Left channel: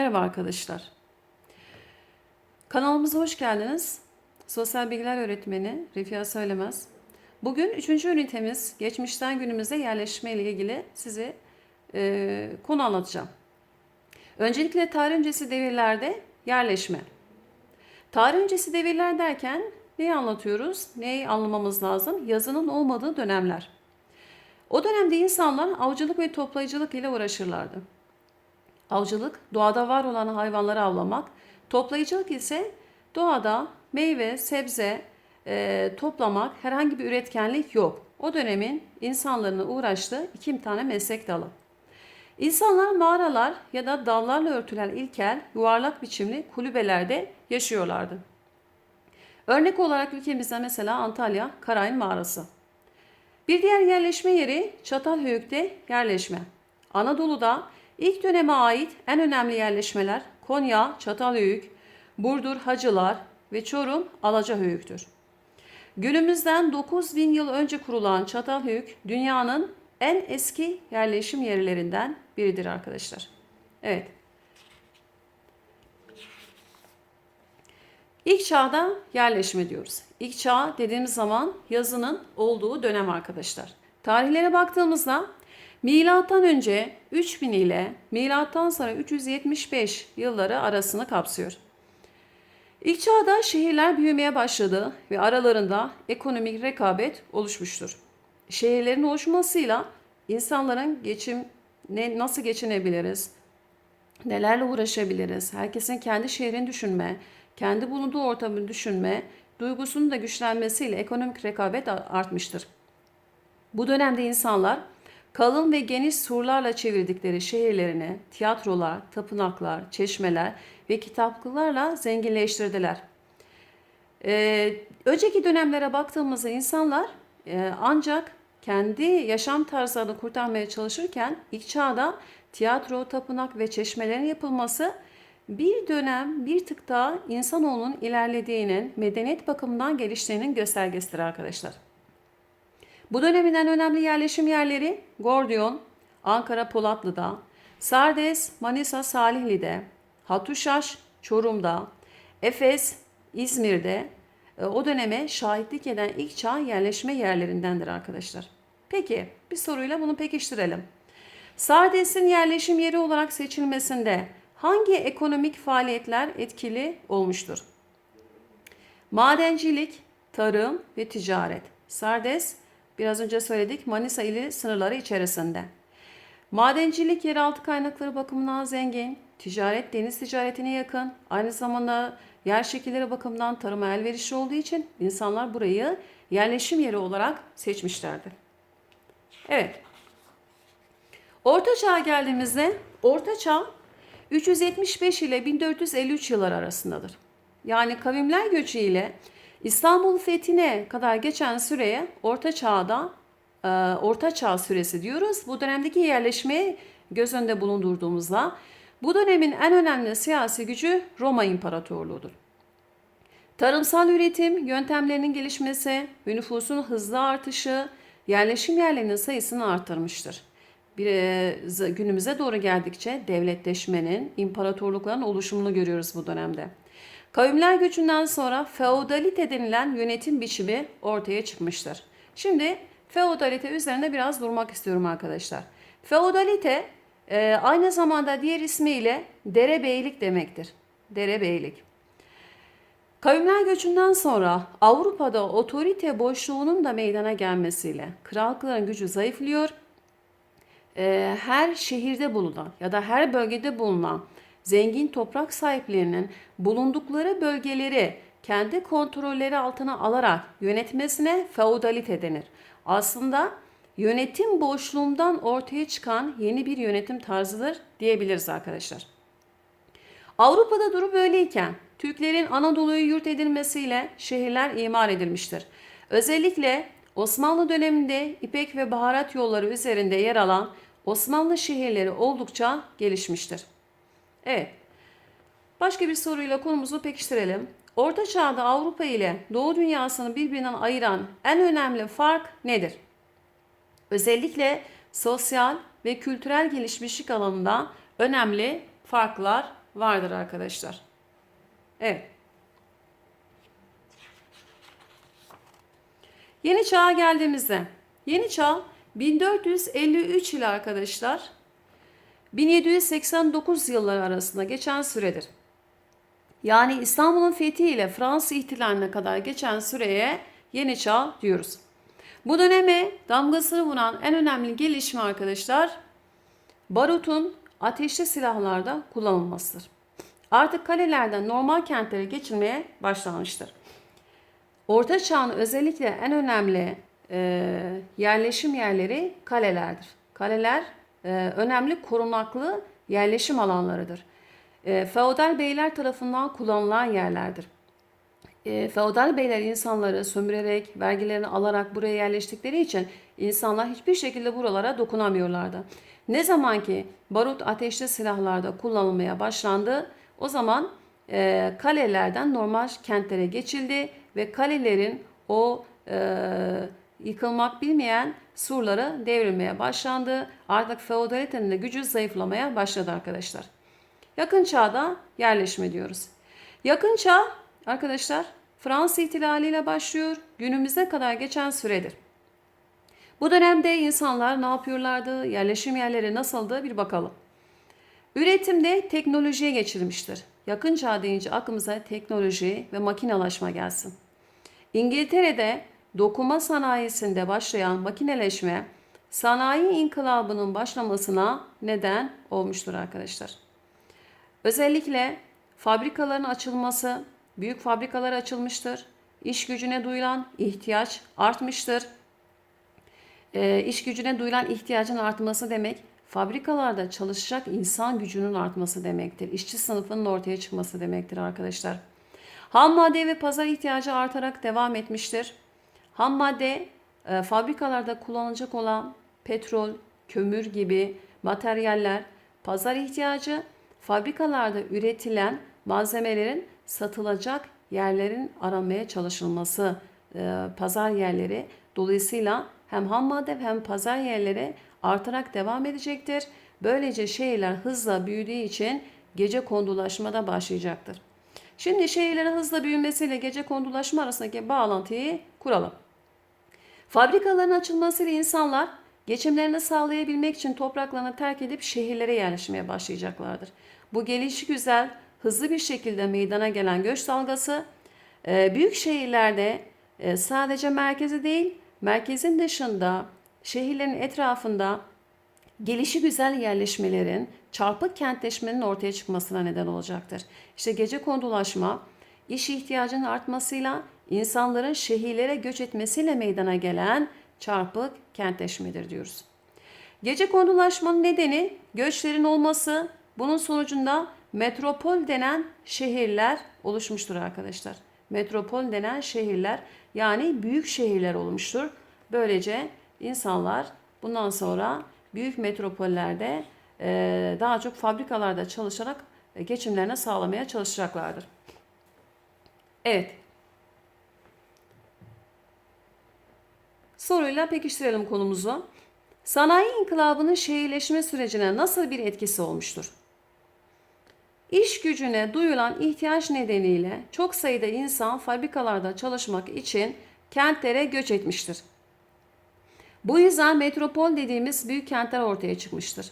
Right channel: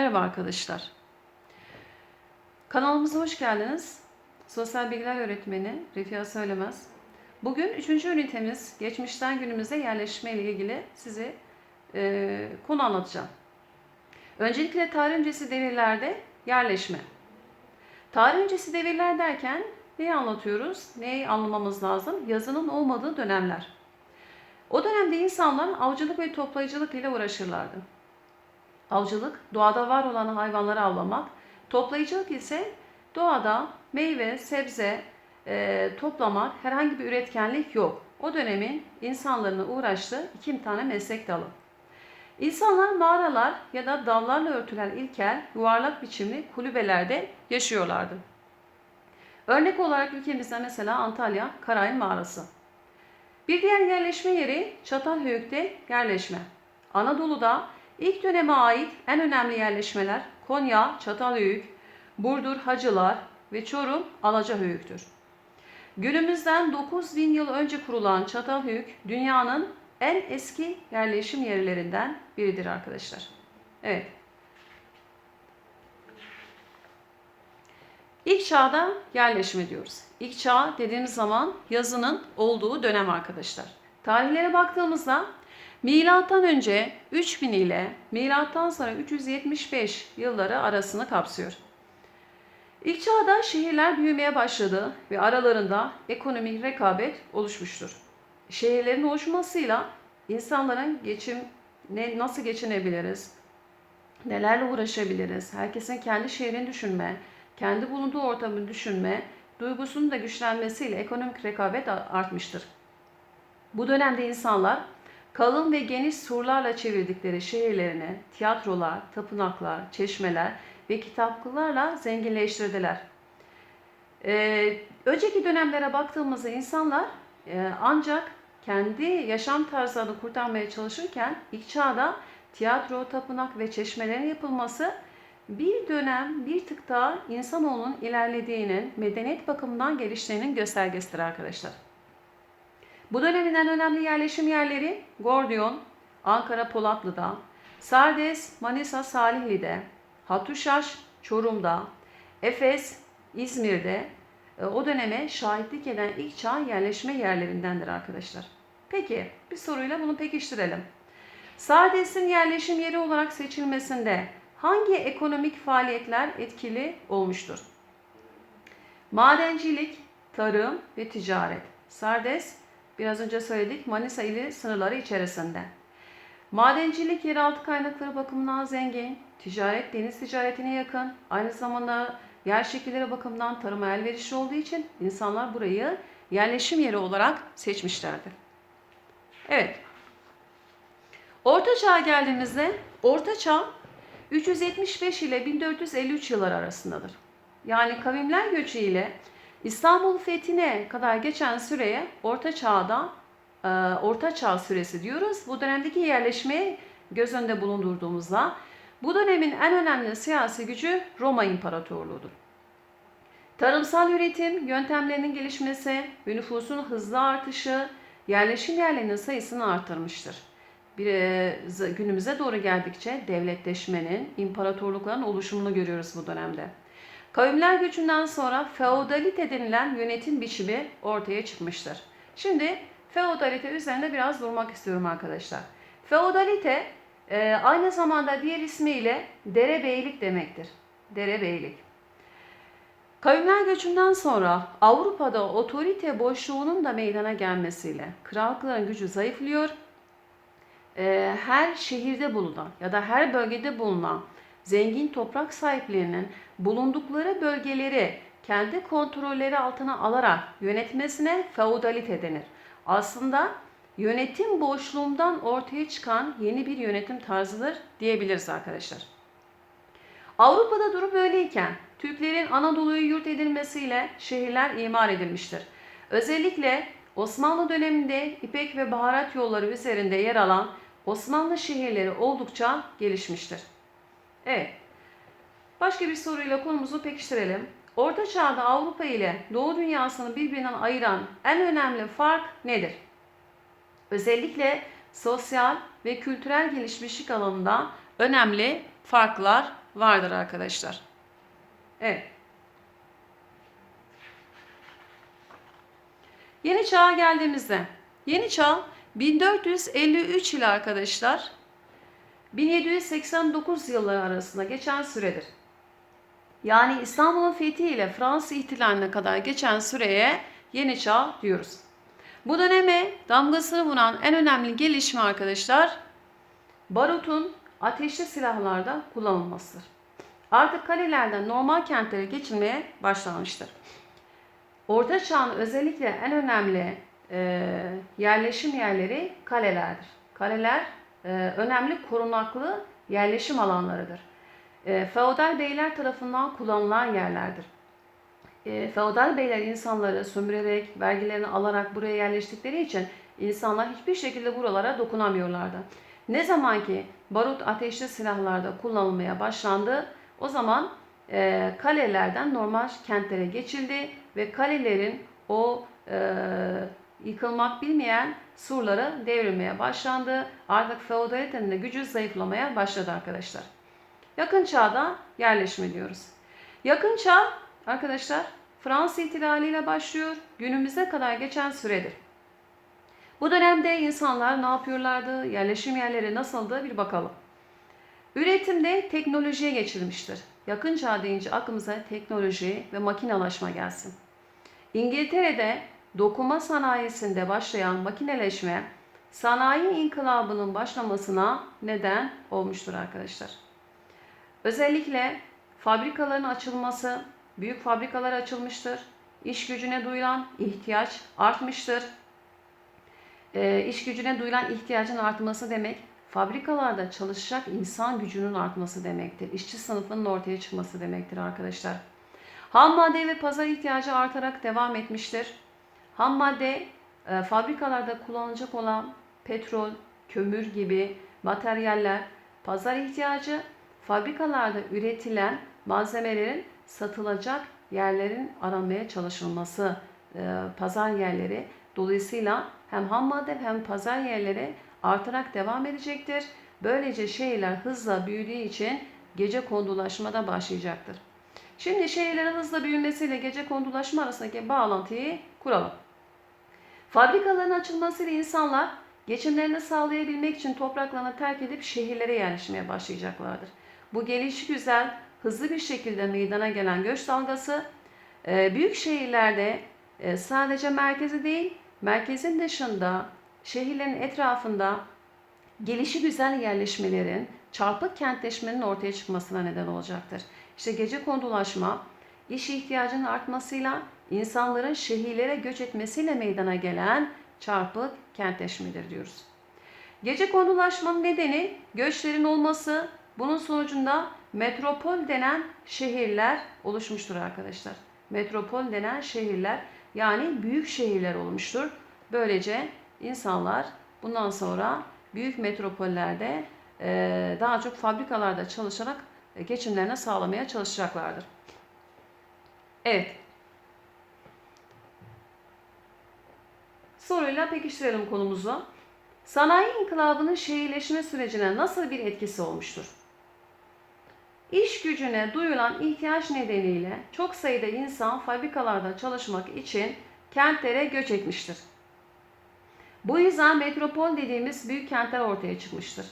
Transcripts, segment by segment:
Merhaba arkadaşlar. Kanalımıza hoş geldiniz. Sosyal bilgiler öğretmeni Refia Söylemez. Bugün üçüncü ünitemiz geçmişten günümüze yerleşme ile ilgili size e, konu anlatacağım. Öncelikle tarih öncesi devirlerde yerleşme. Tarih öncesi devirler derken neyi anlatıyoruz? Neyi anlamamız lazım? Yazının olmadığı dönemler. O dönemde insanlar avcılık ve toplayıcılık ile uğraşırlardı. Avcılık, doğada var olan hayvanları avlamak. Toplayıcılık ise doğada meyve, sebze e, toplamak, herhangi bir üretkenlik yok. O dönemin insanların uğraştığı iki tane meslek dalı. İnsanlar mağaralar ya da dallarla örtülen ilkel, yuvarlak biçimli kulübelerde yaşıyorlardı. Örnek olarak ülkemizde mesela Antalya Karayın Mağarası. Bir diğer yerleşme yeri Çatalhöyük'te yerleşme. Anadolu'da ilk döneme ait en önemli yerleşmeler Konya, Çatalhöyük, Burdur, Hacılar ve Çorum, Alacahöyük'tür. Günümüzden 9000 yıl önce kurulan Çatalhöyük dünyanın en eski yerleşim yerlerinden biridir arkadaşlar. Evet. İlk çağda yerleşme diyoruz. İlk çağ dediğimiz zaman yazının olduğu dönem arkadaşlar. Tarihlere baktığımızda milattan önce 3000 ile milattan sonra 375 yılları arasını kapsıyor. İlk çağda şehirler büyümeye başladı ve aralarında ekonomik rekabet oluşmuştur. Şehirlerin oluşmasıyla insanların geçim ne, nasıl geçinebiliriz, nelerle uğraşabiliriz, herkesin kendi şehrini düşünme, kendi bulunduğu ortamı düşünme duygusunun da güçlenmesiyle ekonomik rekabet artmıştır. Bu dönemde insanlar kalın ve geniş surlarla çevirdikleri şehirlerini tiyatrolar, tapınaklar, çeşmeler ve kitaplıklarla zenginleştirdiler. Ee, önceki dönemlere baktığımızda insanlar e, ancak kendi yaşam tarzlarını kurtarmaya çalışırken ilk çağda tiyatro, tapınak ve çeşmelerin yapılması bir dönem bir tık daha insanoğlunun ilerlediğinin, medeniyet bakımından geliştiğinin göstergesidir arkadaşlar. Bu dönemin en önemli yerleşim yerleri Gordiyon, Ankara Polatlı'da, Sardes, Manisa Salihli'de, Hatuşaş, Çorum'da, Efes, İzmir'de e, o döneme şahitlik eden ilk çağ yerleşme yerlerindendir arkadaşlar. Peki bir soruyla bunu pekiştirelim. Sardes'in yerleşim yeri olarak seçilmesinde hangi ekonomik faaliyetler etkili olmuştur? Madencilik, tarım ve ticaret. Sardes biraz önce söyledik Manisa ili sınırları içerisinde. Madencilik yeraltı kaynakları bakımından zengin, ticaret deniz ticaretine yakın, aynı zamanda yer şekilleri bakımından tarıma elverişli olduğu için insanlar burayı yerleşim yeri olarak seçmişlerdir. Evet. Orta Çağ'a geldiğimizde Orta Çağ 375 ile 1453 yıllar arasındadır. Yani kavimler göçü ile İstanbul fethine kadar geçen süreye Orta Çağ'da e, Orta Çağ süresi diyoruz. Bu dönemdeki yerleşmeyi göz önünde bulundurduğumuzda bu dönemin en önemli siyasi gücü Roma İmparatorluğu'dur. Tarımsal üretim yöntemlerinin gelişmesi nüfusun hızlı artışı yerleşim yerlerinin sayısını arttırmıştır. Bir, e, günümüze doğru geldikçe devletleşmenin, imparatorlukların oluşumunu görüyoruz bu dönemde. Kavimler göçünden sonra feodalite denilen yönetim biçimi ortaya çıkmıştır. Şimdi feodalite üzerinde biraz durmak istiyorum arkadaşlar. Feodalite e, aynı zamanda diğer ismiyle derebeylik demektir. Derebeylik. Kavimler göçünden sonra Avrupa'da otorite boşluğunun da meydana gelmesiyle krallıkların gücü zayıflıyor. E, her şehirde bulunan ya da her bölgede bulunan zengin toprak sahiplerinin bulundukları bölgeleri kendi kontrolleri altına alarak yönetmesine feodalite denir. Aslında yönetim boşluğundan ortaya çıkan yeni bir yönetim tarzıdır diyebiliriz arkadaşlar. Avrupa'da durum böyleyken Türklerin Anadolu'yu yurt edilmesiyle şehirler imar edilmiştir. Özellikle Osmanlı döneminde İpek ve baharat yolları üzerinde yer alan Osmanlı şehirleri oldukça gelişmiştir. Evet. Başka bir soruyla konumuzu pekiştirelim. Orta Çağ'da Avrupa ile Doğu dünyasını birbirinden ayıran en önemli fark nedir? Özellikle sosyal ve kültürel gelişmişlik alanında önemli farklar vardır arkadaşlar. Evet. Yeni çağa geldiğimizde yeni çağ 1453 ile arkadaşlar 1789 yılları arasında geçen süredir. Yani İstanbul'un fethi ile Fransız ihtilaline kadar geçen süreye yeni çağ diyoruz. Bu döneme damgasını vuran en önemli gelişme arkadaşlar barutun ateşli silahlarda kullanılmasıdır. Artık kalelerden normal kentlere geçilmeye başlanmıştır. Orta Çağ'ın özellikle en önemli e, yerleşim yerleri kalelerdir. Kaleler e, önemli korunaklı yerleşim alanlarıdır. E, feodal beyler tarafından kullanılan yerlerdir. E, feodal beyler insanları sömürerek, vergilerini alarak buraya yerleştikleri için insanlar hiçbir şekilde buralara dokunamıyorlardı. Ne zaman ki barut ateşli silahlarda kullanılmaya başlandı, o zaman e, kalelerden normal kentlere geçildi ve kalelerin o e, yıkılmak bilmeyen surları devrilmeye başlandı. Artık feodalitenin de gücü zayıflamaya başladı arkadaşlar. Yakın çağda yerleşme diyoruz. Yakın çağ arkadaşlar Fransız ihtilaliyle başlıyor. Günümüze kadar geçen süredir. Bu dönemde insanlar ne yapıyorlardı? Yerleşim yerleri nasıldı? Bir bakalım. Üretimde teknolojiye geçilmiştir. Yakın çağ deyince aklımıza teknoloji ve makinalaşma gelsin. İngiltere'de dokuma sanayisinde başlayan makineleşme sanayi inkılabının başlamasına neden olmuştur arkadaşlar. Özellikle fabrikaların açılması, büyük fabrikalar açılmıştır. İş gücüne duyulan ihtiyaç artmıştır. E, iş gücüne duyulan ihtiyacın artması demek fabrikalarda çalışacak insan gücünün artması demektir. İşçi sınıfının ortaya çıkması demektir arkadaşlar. Ham madde ve pazar ihtiyacı artarak devam etmiştir. Ham madde e, fabrikalarda kullanılacak olan petrol, kömür gibi materyaller, pazar ihtiyacı, fabrikalarda üretilen malzemelerin satılacak yerlerin aramaya çalışılması, e, pazar yerleri dolayısıyla hem ham madde hem pazar yerleri artarak devam edecektir. Böylece şehirler hızla büyüdüğü için gece kondulaşma da başlayacaktır. Şimdi şehirlerin hızla büyümesiyle gece kondulaşma arasındaki bağlantıyı kuralım. Fabrikaların açılmasıyla insanlar geçimlerini sağlayabilmek için topraklarını terk edip şehirlere yerleşmeye başlayacaklardır. Bu gelişi güzel, hızlı bir şekilde meydana gelen göç dalgası e, büyük şehirlerde e, sadece merkezi değil, merkezin dışında, şehirlerin etrafında gelişi güzel yerleşmelerin, çarpık kentleşmenin ortaya çıkmasına neden olacaktır. İşte gece kondulaşma, iş ihtiyacının artmasıyla insanların şehirlere göç etmesiyle meydana gelen çarpık kentleşmedir diyoruz. Gece kondulaşmanın nedeni göçlerin olması, bunun sonucunda metropol denen şehirler oluşmuştur arkadaşlar. Metropol denen şehirler yani büyük şehirler olmuştur. Böylece insanlar bundan sonra büyük metropollerde daha çok fabrikalarda çalışarak geçimlerini sağlamaya çalışacaklardır. Evet. Soruyla pekiştirelim konumuzu. Sanayi inkılabının şehirleşme sürecine nasıl bir etkisi olmuştur? İş gücüne duyulan ihtiyaç nedeniyle çok sayıda insan fabrikalarda çalışmak için kentlere göç etmiştir. Bu yüzden metropol dediğimiz büyük kentler ortaya çıkmıştır.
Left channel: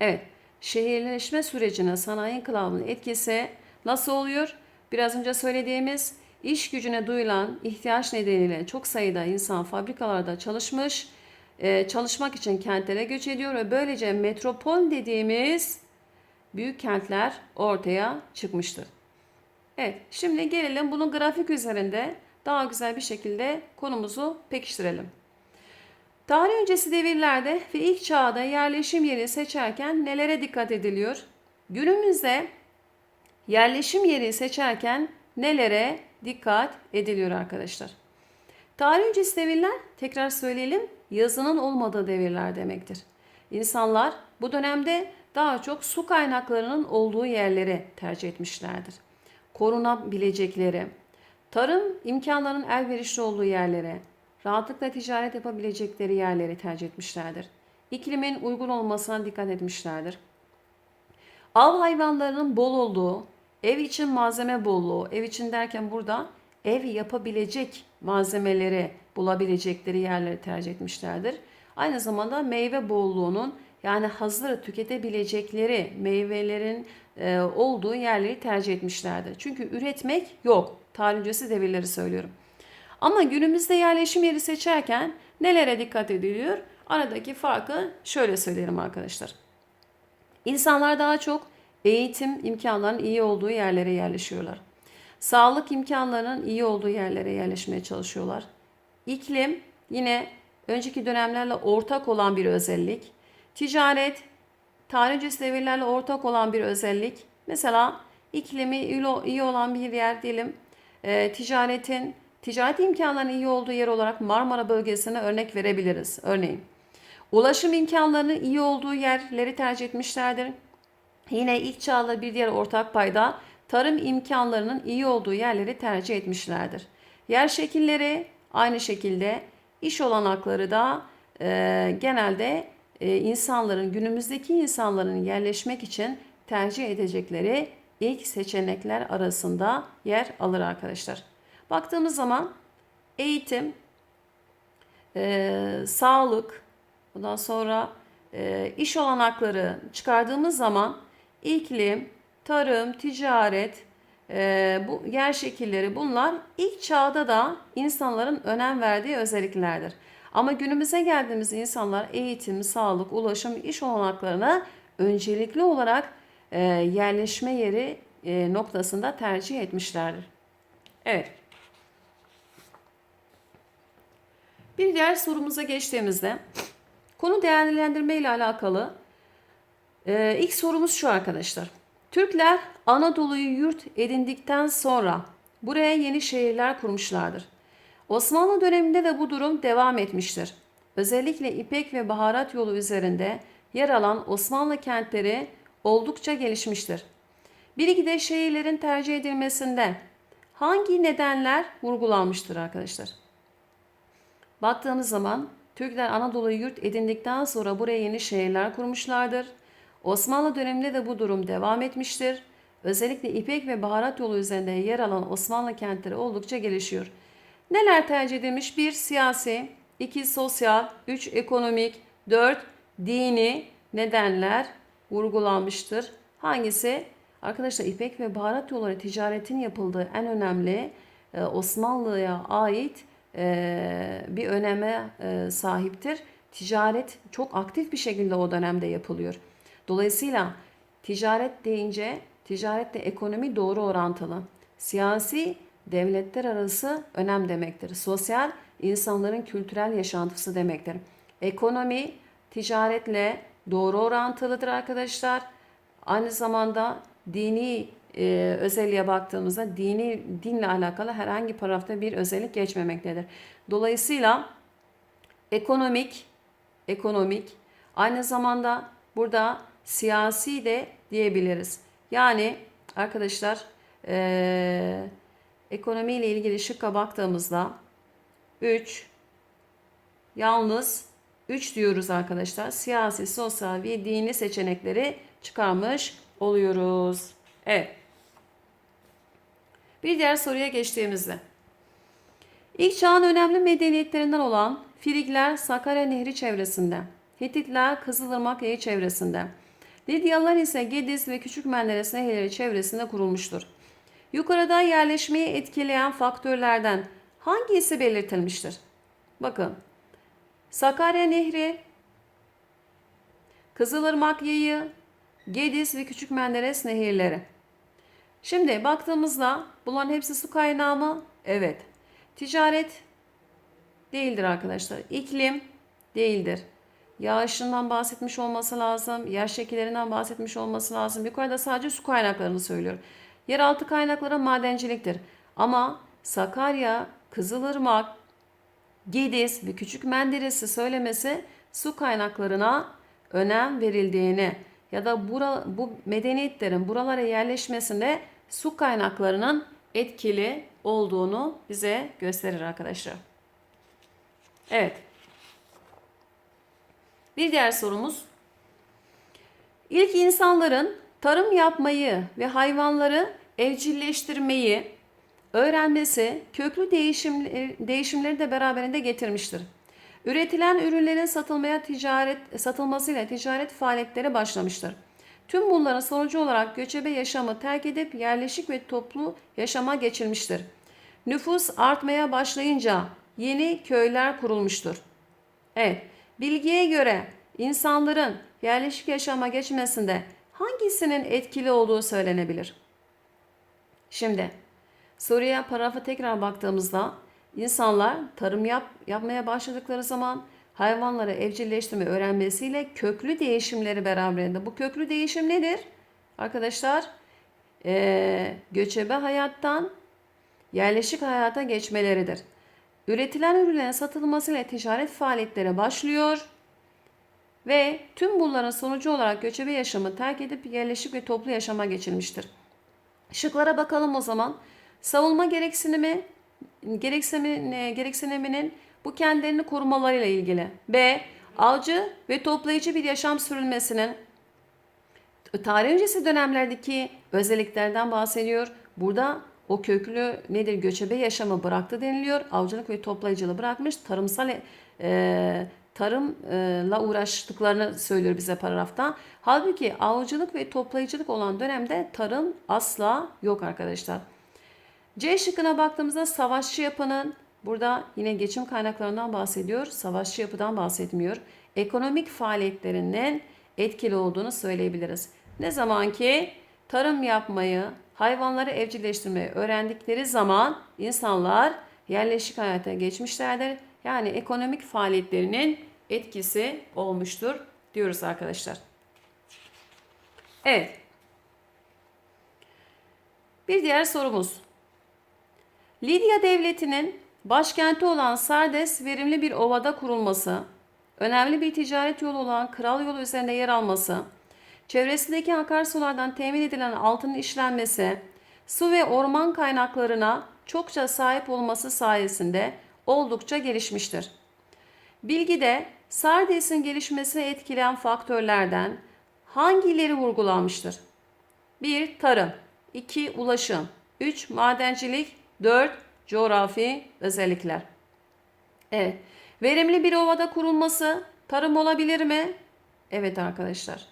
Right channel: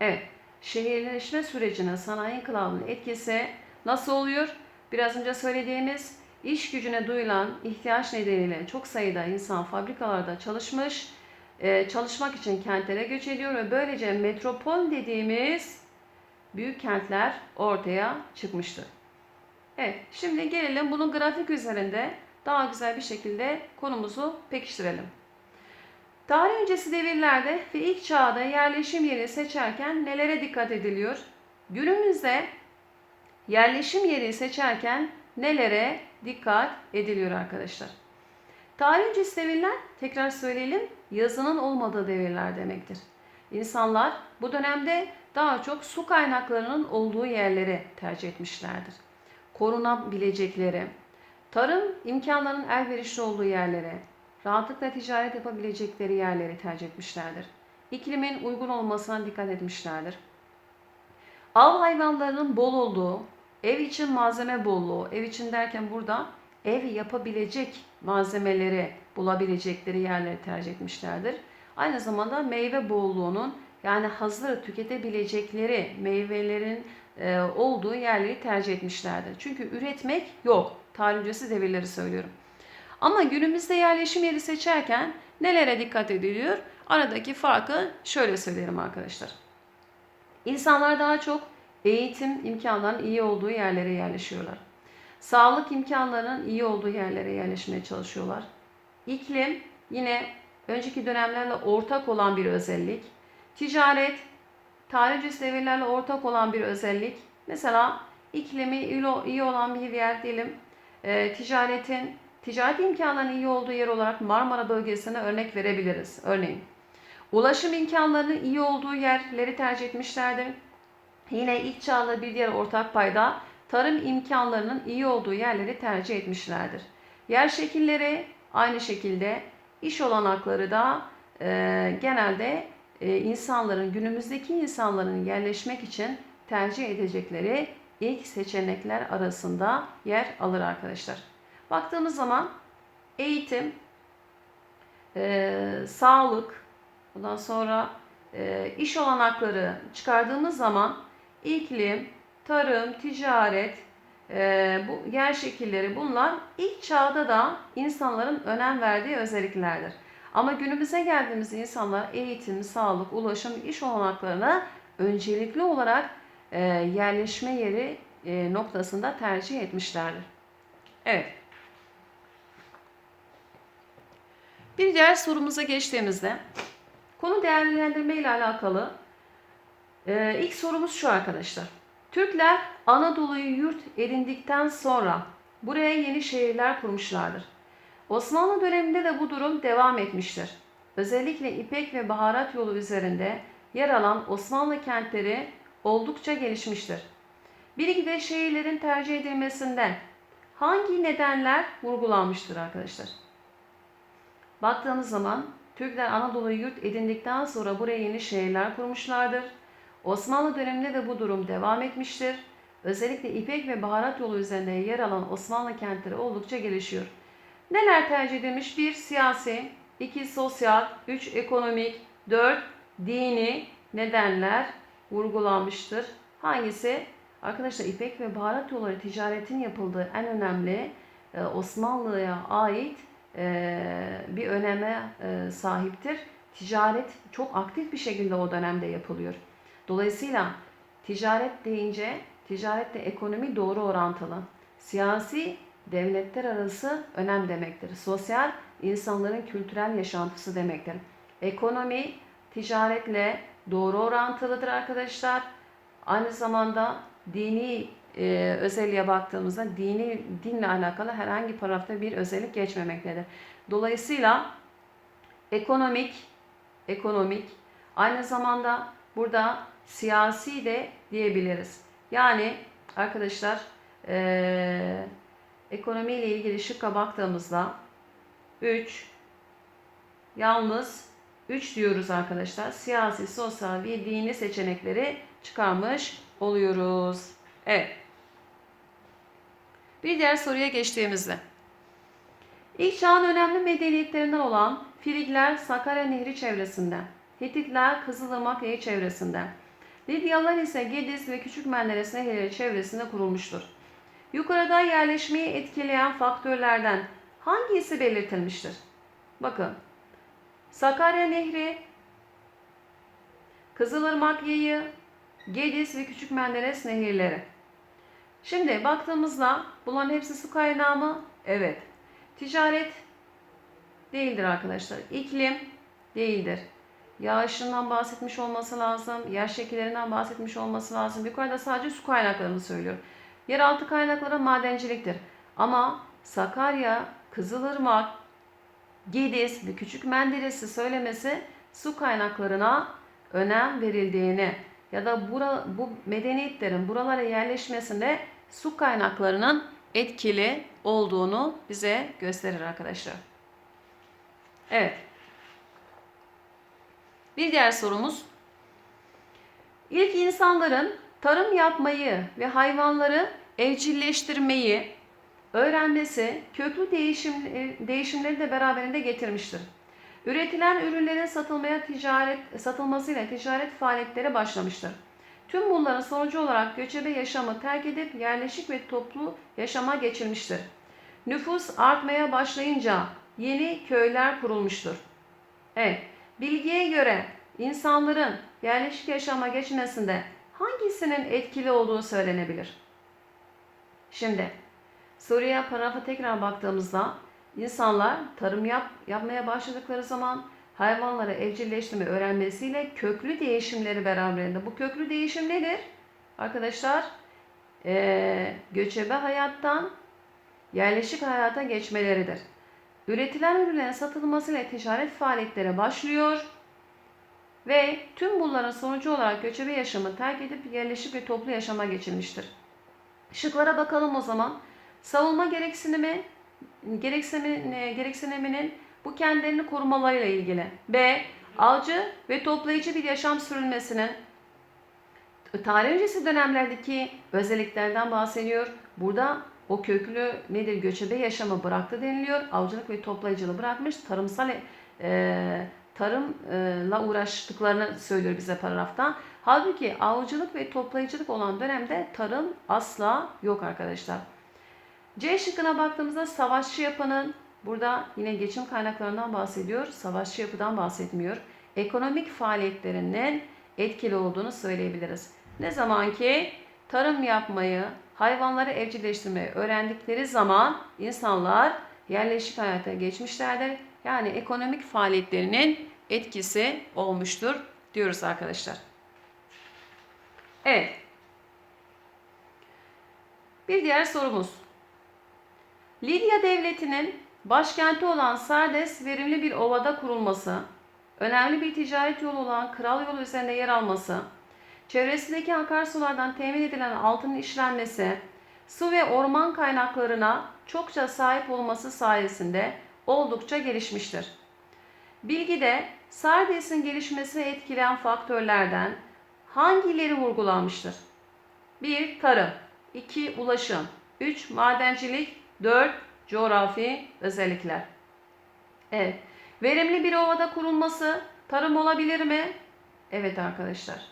Evet, şehirleşme sürecine sanayi inkılabının etkisi nasıl oluyor? Biraz önce söylediğimiz iş gücüne duyulan ihtiyaç nedeniyle çok sayıda insan fabrikalarda çalışmış, e, çalışmak için kentlere göç ediyor ve böylece metropol dediğimiz büyük kentler ortaya çıkmıştır. Evet, şimdi gelelim bunun grafik üzerinde daha güzel bir şekilde konumuzu pekiştirelim. Tarih öncesi devirlerde ve ilk çağda yerleşim yeri seçerken nelere dikkat ediliyor? Günümüzde yerleşim yeri seçerken nelere dikkat ediliyor arkadaşlar? Tarih öncesi devirler, tekrar söyleyelim, yazının olmadığı devirler demektir. İnsanlar bu dönemde daha çok su kaynaklarının olduğu yerleri tercih etmişlerdir. Korunabilecekleri, tarım imkanlarının elverişli olduğu yerlere, rahatlıkla ticaret yapabilecekleri yerleri tercih etmişlerdir. İklimin uygun olmasına dikkat etmişlerdir. Av hayvanlarının bol olduğu, ev için malzeme bolluğu, ev için derken burada ev yapabilecek malzemeleri bulabilecekleri yerleri tercih etmişlerdir. Aynı zamanda meyve bolluğunun yani hazır tüketebilecekleri meyvelerin e, olduğu yerleri tercih etmişlerdir. Çünkü üretmek yok. Tarih öncesi devirleri söylüyorum. Ama günümüzde yerleşim yeri seçerken nelere dikkat ediliyor? Aradaki farkı şöyle söyleyelim arkadaşlar. İnsanlar daha çok eğitim imkanlarının iyi olduğu yerlere yerleşiyorlar. Sağlık imkanlarının iyi olduğu yerlere yerleşmeye çalışıyorlar. İklim yine önceki dönemlerle ortak olan bir özellik. Ticaret tarih devirlerle ortak olan bir özellik. Mesela iklimi iyi olan bir yer diyelim. E, ticaretin ticaret imkanlarının iyi olduğu yer olarak Marmara bölgesine örnek verebiliriz. Örneğin ulaşım imkanlarının iyi olduğu yerleri tercih etmişlerdir. Yine ilk çağla bir diğer ortak payda tarım imkanlarının iyi olduğu yerleri tercih etmişlerdir. Yer şekilleri aynı şekilde iş olanakları da e, genelde e, insanların günümüzdeki insanların yerleşmek için tercih edecekleri ilk seçenekler arasında yer alır arkadaşlar. Baktığımız zaman eğitim, e, sağlık, bundan sonra e, iş olanakları çıkardığımız zaman iklim, tarım, ticaret, e, bu yer şekilleri bunlar ilk çağda da insanların önem verdiği özelliklerdir. Ama günümüze geldiğimizde insanlar eğitim, sağlık, ulaşım, iş olanaklarına öncelikli olarak e, yerleşme yeri e, noktasında tercih etmişlerdir. Evet. Bir diğer sorumuza geçtiğimizde konu değerlendirme ile alakalı e, ilk sorumuz şu arkadaşlar. Türkler Anadolu'yu yurt edindikten sonra buraya yeni şehirler kurmuşlardır. Osmanlı döneminde de bu durum devam etmiştir. Özellikle İpek ve baharat yolu üzerinde yer alan Osmanlı kentleri oldukça gelişmiştir. Bir iki de şehirlerin tercih edilmesinde hangi nedenler vurgulanmıştır arkadaşlar? Baktığımız zaman Türkler Anadolu'yu yurt edindikten sonra buraya yeni şehirler kurmuşlardır. Osmanlı döneminde de bu durum devam etmiştir. Özellikle İpek ve baharat yolu üzerinde yer alan Osmanlı kentleri oldukça gelişiyor. Neler tercih edilmiş? 1. Siyasi 2. Sosyal 3. Ekonomik 4. Dini nedenler vurgulanmıştır. Hangisi? Arkadaşlar İpek ve baharat yolları ticaretin yapıldığı en önemli e, Osmanlı'ya ait e, bir öneme e, sahiptir. Ticaret çok aktif bir şekilde o dönemde yapılıyor. Dolayısıyla ticaret deyince ticaretle ekonomi doğru orantılı. Siyasi devletler arası önem demektir. Sosyal insanların kültürel yaşantısı demektir. Ekonomi ticaretle doğru orantılıdır arkadaşlar. Aynı zamanda dini e, özelliğe baktığımızda dini dinle alakalı herhangi paragrafta bir özellik geçmemektedir. Dolayısıyla ekonomik ekonomik aynı zamanda burada siyasi de diyebiliriz. Yani arkadaşlar e, ekonomi ile ilgili şıkka baktığımızda 3 yalnız 3 diyoruz arkadaşlar. Siyasi, sosyal ve dini seçenekleri çıkarmış oluyoruz. Evet. Bir diğer soruya geçtiğimizde. İlk çağın önemli medeniyetlerinden olan Frigler Sakarya Nehri çevresinde, Hititler Kızılırmak Nehri çevresinde, Lidyalılar ise Gediz ve Küçük Menderes nehirleri çevresinde kurulmuştur. Yukarıda yerleşmeyi etkileyen faktörlerden hangisi belirtilmiştir? Bakın. Sakarya Nehri, Kızılırmak Yayı, Gediz ve Küçük Menderes nehirleri. Şimdi baktığımızda bunların hepsi su kaynağı mı? Evet. Ticaret değildir arkadaşlar. İklim değildir. Yağışından bahsetmiş olması lazım. Yer şekillerinden bahsetmiş olması lazım. Yukarıda sadece su kaynaklarını söylüyor. Yeraltı kaynakları madenciliktir. Ama Sakarya, Kızılırmak, Gediz ve Küçük Menderes'i söylemesi su kaynaklarına önem verildiğini ya da bura, bu medeniyetlerin buralara yerleşmesinde su kaynaklarının etkili olduğunu bize gösterir arkadaşlar. Evet. Bir diğer sorumuz. İlk insanların tarım yapmayı ve hayvanları evcilleştirmeyi öğrenmesi köklü değişim, değişimleri de beraberinde getirmiştir. Üretilen ürünlerin satılmaya ticaret satılmasıyla ticaret faaliyetleri başlamıştır. Tüm bunların sonucu olarak göçebe yaşamı terk edip yerleşik ve toplu yaşama geçilmiştir. Nüfus artmaya başlayınca yeni köyler kurulmuştur. Evet, bilgiye göre insanların yerleşik yaşama geçmesinde hangisinin etkili olduğu söylenebilir? Şimdi soruya paragrafa tekrar baktığımızda insanlar tarım yap, yapmaya başladıkları zaman hayvanları evcilleştirme öğrenmesiyle köklü değişimleri beraberinde. Bu köklü değişim nedir? Arkadaşlar ee, göçebe hayattan yerleşik hayata geçmeleridir. Üretilen ürünlerin satılmasıyla ticaret faaliyetleri başlıyor ve tüm bunların sonucu olarak göçebe yaşamı terk edip yerleşik ve toplu yaşama geçilmiştir. Şıklara bakalım o zaman. Savunma gereksinimi gereksinim, gereksiniminin bu kendilerini korumalarıyla ilgili. B. Avcı ve toplayıcı bir yaşam sürülmesinin tarih öncesi dönemlerdeki özelliklerden bahsediyor. Burada o köklü nedir göçebe yaşamı bıraktı deniliyor. Avcılık ve toplayıcılığı bırakmış. Tarımsal e, tarımla uğraştıklarını söylüyor bize paragrafta. Halbuki avcılık ve toplayıcılık olan dönemde tarım asla yok arkadaşlar. C şıkkına baktığımızda savaşçı yapının burada yine geçim kaynaklarından bahsediyor. Savaşçı yapıdan bahsetmiyor. Ekonomik faaliyetlerinin etkili olduğunu söyleyebiliriz. Ne zaman ki tarım yapmayı, hayvanları evcilleştirmeyi öğrendikleri zaman insanlar yerleşik hayata geçmişlerdir. Yani ekonomik faaliyetlerinin etkisi olmuştur diyoruz arkadaşlar. Evet. Bir diğer sorumuz. Lidya devletinin başkenti olan Sardes verimli bir ovada kurulması, önemli bir ticaret yolu olan Kral Yolu üzerinde yer alması, çevresindeki akarsulardan temin edilen altının işlenmesi, su ve orman kaynaklarına çokça sahip olması sayesinde oldukça gelişmiştir. Bilgide Sardes'in gelişmesini etkileyen faktörlerden hangileri vurgulanmıştır? 1. Tarım 2. Ulaşım 3. Madencilik 4. Coğrafi özellikler Evet. Verimli bir ovada kurulması tarım olabilir mi? Evet arkadaşlar.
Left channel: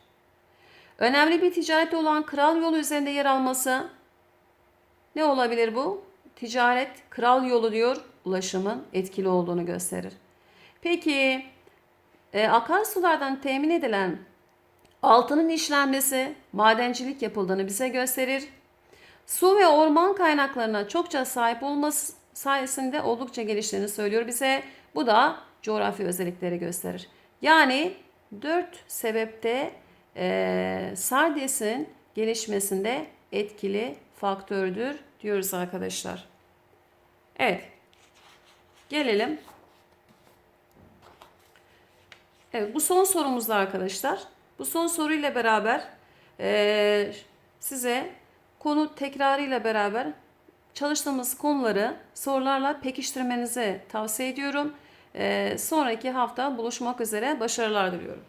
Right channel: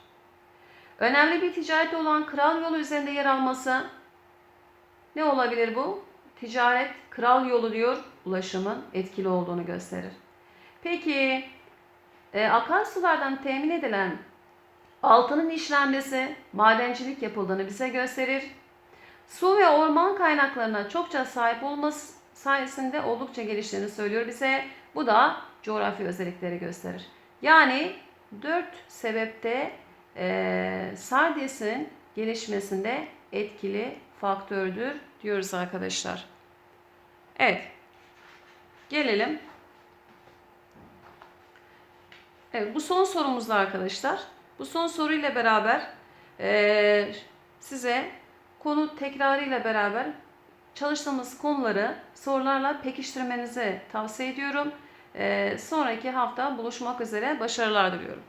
Önemli bir ticaret olan kral yolu üzerinde yer alması ne olabilir bu? Ticaret, kral yolu diyor, ulaşımın etkili olduğunu gösterir. Peki, e, akarsulardan temin edilen altının işlenmesi, madencilik yapıldığını bize gösterir. Su ve orman kaynaklarına çokça sahip olması sayesinde oldukça geliştiğini söylüyor bize. Bu da coğrafi özellikleri gösterir. Yani dört sebepte e, Sardes'in gelişmesinde etkili faktördür diyoruz arkadaşlar. Evet. Gelelim. Evet bu son sorumuzda arkadaşlar. Bu son soruyla beraber e, size konu tekrarıyla beraber çalıştığımız konuları sorularla pekiştirmenizi tavsiye ediyorum. E, sonraki hafta buluşmak üzere başarılar diliyorum.